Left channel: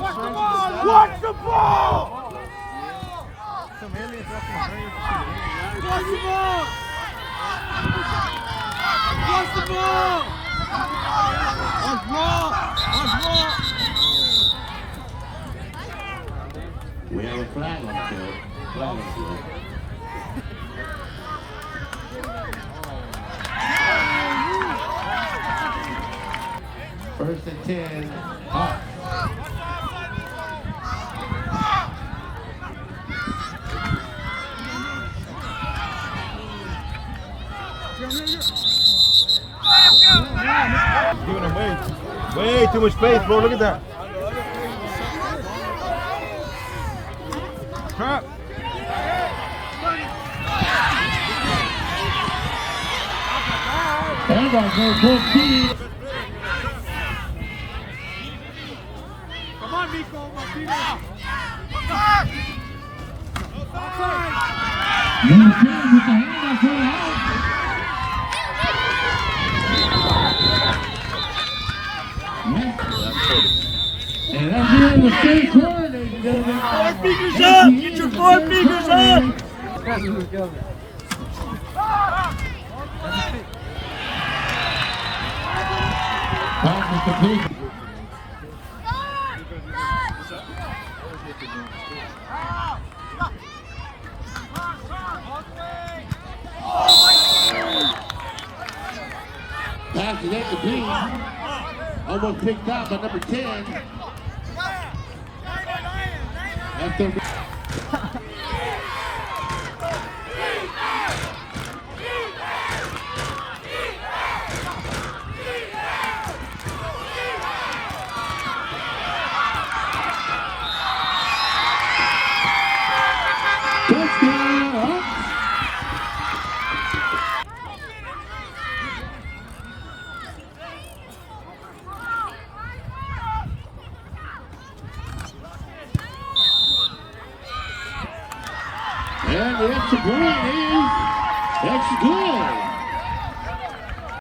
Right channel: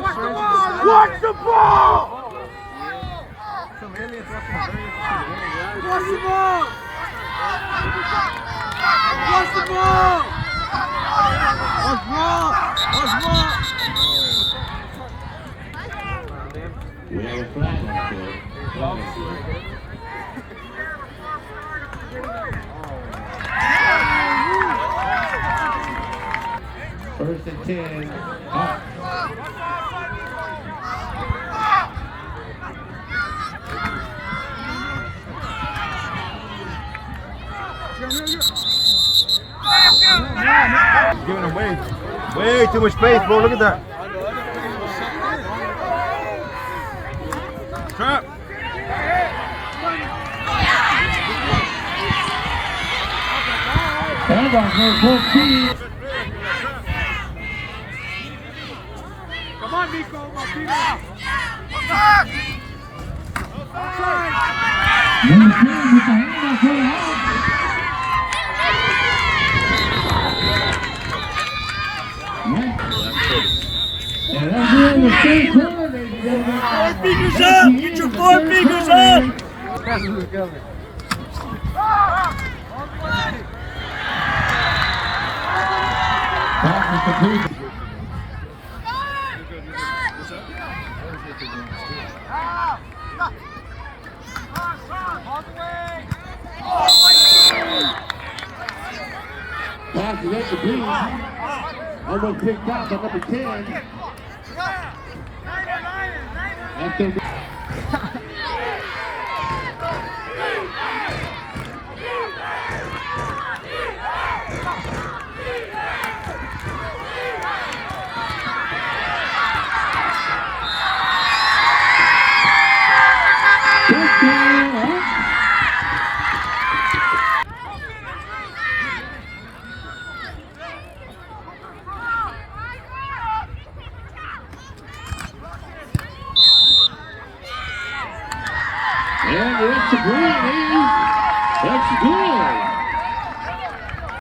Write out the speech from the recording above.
Watch the ball! Some aliens up in Watch the ball! Watch the ball! Let's roll! Let's roll! We have a flag on the field. First and 10. Hawks. Giving them way too much space, bro. Look at that. Crap. And I'll go 14. Come on, Nico! Number 10 with the handoff for the Hawks. And that's the end of the third quarter, ladies and gentlemen. Fingers up! Get your 4 fingers up! Pass is coming. Pass is complete. Pass is incomplete. Almost picked out by number 10. After and the extra point is good.